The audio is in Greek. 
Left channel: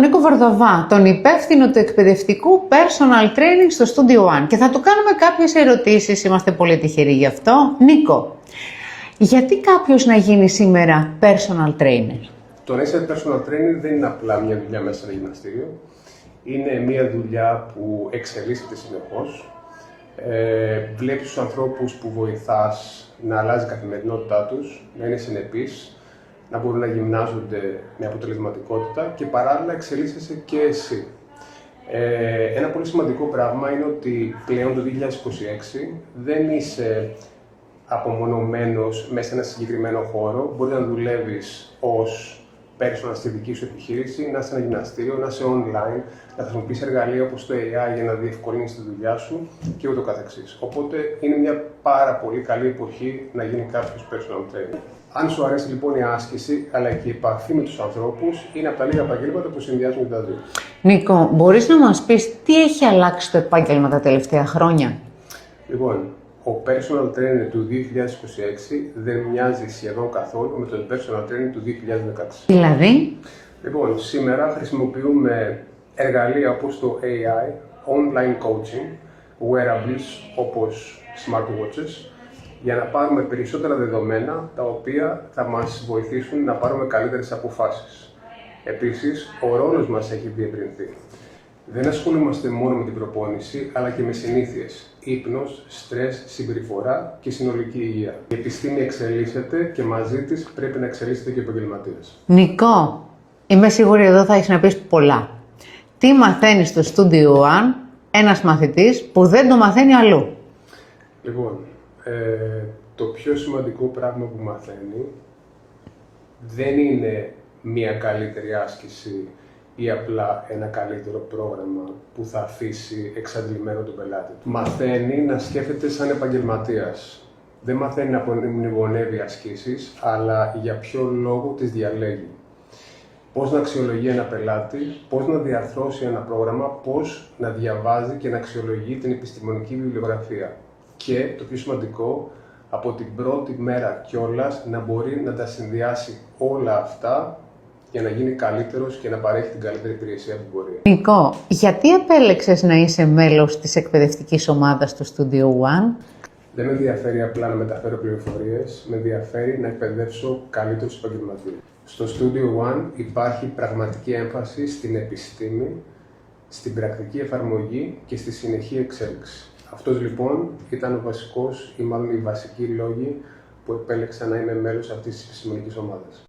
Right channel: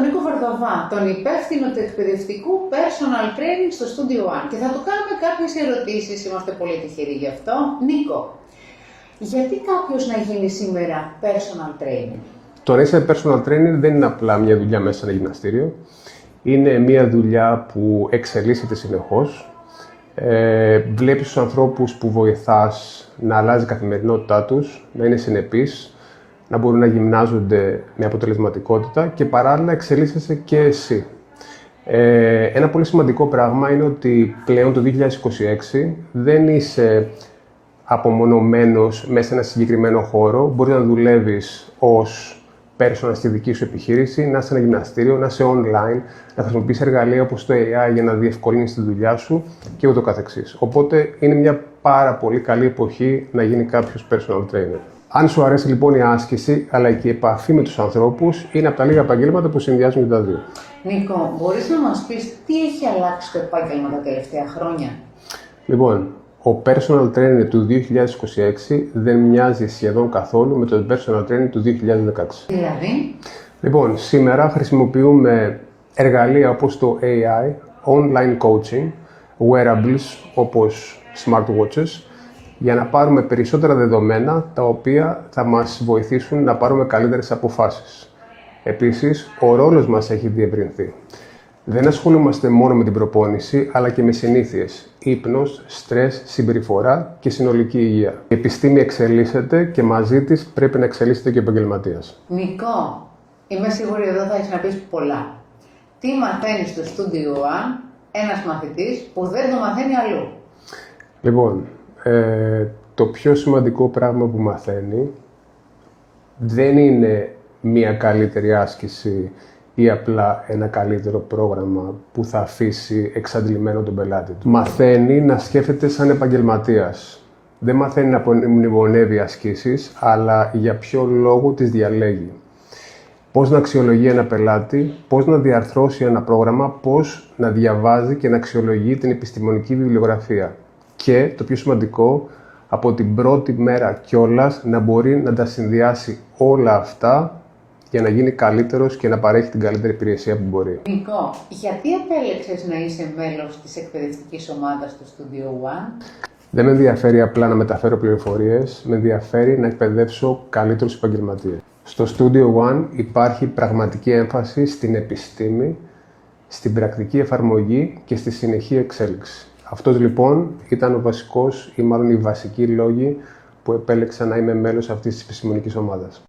τον Νίκο Βαρδαβά, τον υπεύθυνο του εκπαιδευτικού personal training στο Studio One και θα του κάνουμε κάποιες ερωτήσεις, είμαστε πολύ τυχεροί γι' αυτό. Νίκο, γιατί κάποιος να γίνει σήμερα personal trainer? Το να είσαι personal trainer δεν είναι απλά μια δουλειά μέσα σε ένα γυμναστήριο. Είναι μια δουλειά που εξελίσσεται συνεχώς. Βλέπεις τους ανθρώπους που βοηθάς να αλλάζει η καθημερινότητά τους, να είναι συνεπείς, να μπορούν να γυμνάζονται με αποτελεσματικότητα και παράλληλα εξελίσσεσαι και εσύ. Ένα πολύ σημαντικό πράγμα είναι ότι πλέον το 2026 δεν είσαι απομονωμένος μέσα σε ένα συγκεκριμένο χώρο. Μπορείς να δουλεύεις ως personal στη δική σου επιχείρηση, να είσαι σε ένα γυμναστήριο, να είσαι online, να χρησιμοποιείς εργαλεία όπως το AI για να διευκολύνεις τη δουλειά σου και ούτω καθεξής. Οπότε είναι μια πάρα πολύ καλή εποχή να γίνει κάποιος personal trainer. Αν σου αρέσει λοιπόν η άσκηση, αλλά και η επαφή με τους ανθρώπους, είναι από τα λίγα επαγγέλματα που συνδυάζουν και τα δύο. Νίκο, μπορείς να μας πεις τι έχει αλλάξει το επάγγελμα τα τελευταία χρόνια? Λοιπόν, ο personal trainer του 2026 δεν μοιάζει σχεδόν καθόλου με τον personal trainer του 2016. Δηλαδή? Λοιπόν, σήμερα χρησιμοποιούμε εργαλεία όπως το AI, online coaching, wearables όπως smartwatches, για να πάρουμε περισσότερα δεδομένα τα οποία θα μας βοηθήσουν να πάρουμε καλύτερες αποφάσεις. Επίσης, ο ρόλος μας έχει διευρυνθεί. Δεν ασχολούμαστε μόνο με την προπόνηση, αλλά και με συνήθειες, ύπνος, στρες, συμπεριφορά και συνολική υγεία. Η επιστήμη εξελίσσεται και μαζί της πρέπει να εξελίσσεται και ο επαγγελματίας. Νικό, είμαι σίγουρη εδώ θα έχεις να πεις πολλά. Τι μαθαίνει στο Studio One ένας μαθητής που δεν το μαθαίνει αλλού? Λοιπόν, το πιο σημαντικό πράγμα που μαθαίνει δεν είναι μία καλύτερη άσκηση ή απλά ένα καλύτερο πρόγραμμα που θα αφήσει εξαντλημένο τον πελάτη του. Μαθαίνει να σκέφτεται σαν επαγγελματίας. Δεν μαθαίνει να μνημονεύει ασκήσεις, αλλά για ποιο λόγο τις διαλέγει. Πώς να αξιολογεί ένα πελάτη, πώς να διαρθρώσει ένα πρόγραμμα, πώς να διαβάζει και να αξιολογεί την επιστημονική βιβλιογραφία. Και, το πιο σημαντικό, από την πρώτη μέρα κιόλας να μπορεί να τα συνδυάσει όλα αυτά για να γίνει καλύτερος και να παρέχει την καλύτερη υπηρεσία που μπορεί. Νικό, γιατί επέλεξες να είσαι μέλος της εκπαιδευτικής ομάδας του Studio One? Δεν με ενδιαφέρει απλά να μεταφέρω πληροφορίες, με ενδιαφέρει να εκπαιδεύσω καλύτερους επαγγελματίες. Στο Studio One υπάρχει πραγματική έμφαση στην επιστήμη, στην πρακτική εφαρμογή και στη συνεχή εξέλιξη. Αυτός λοιπόν ήταν ο βασικός ή μάλλον οι βασικοί λόγοι που επέλεξα να είμαι μέλος αυτής της επιστημονικής ομάδας.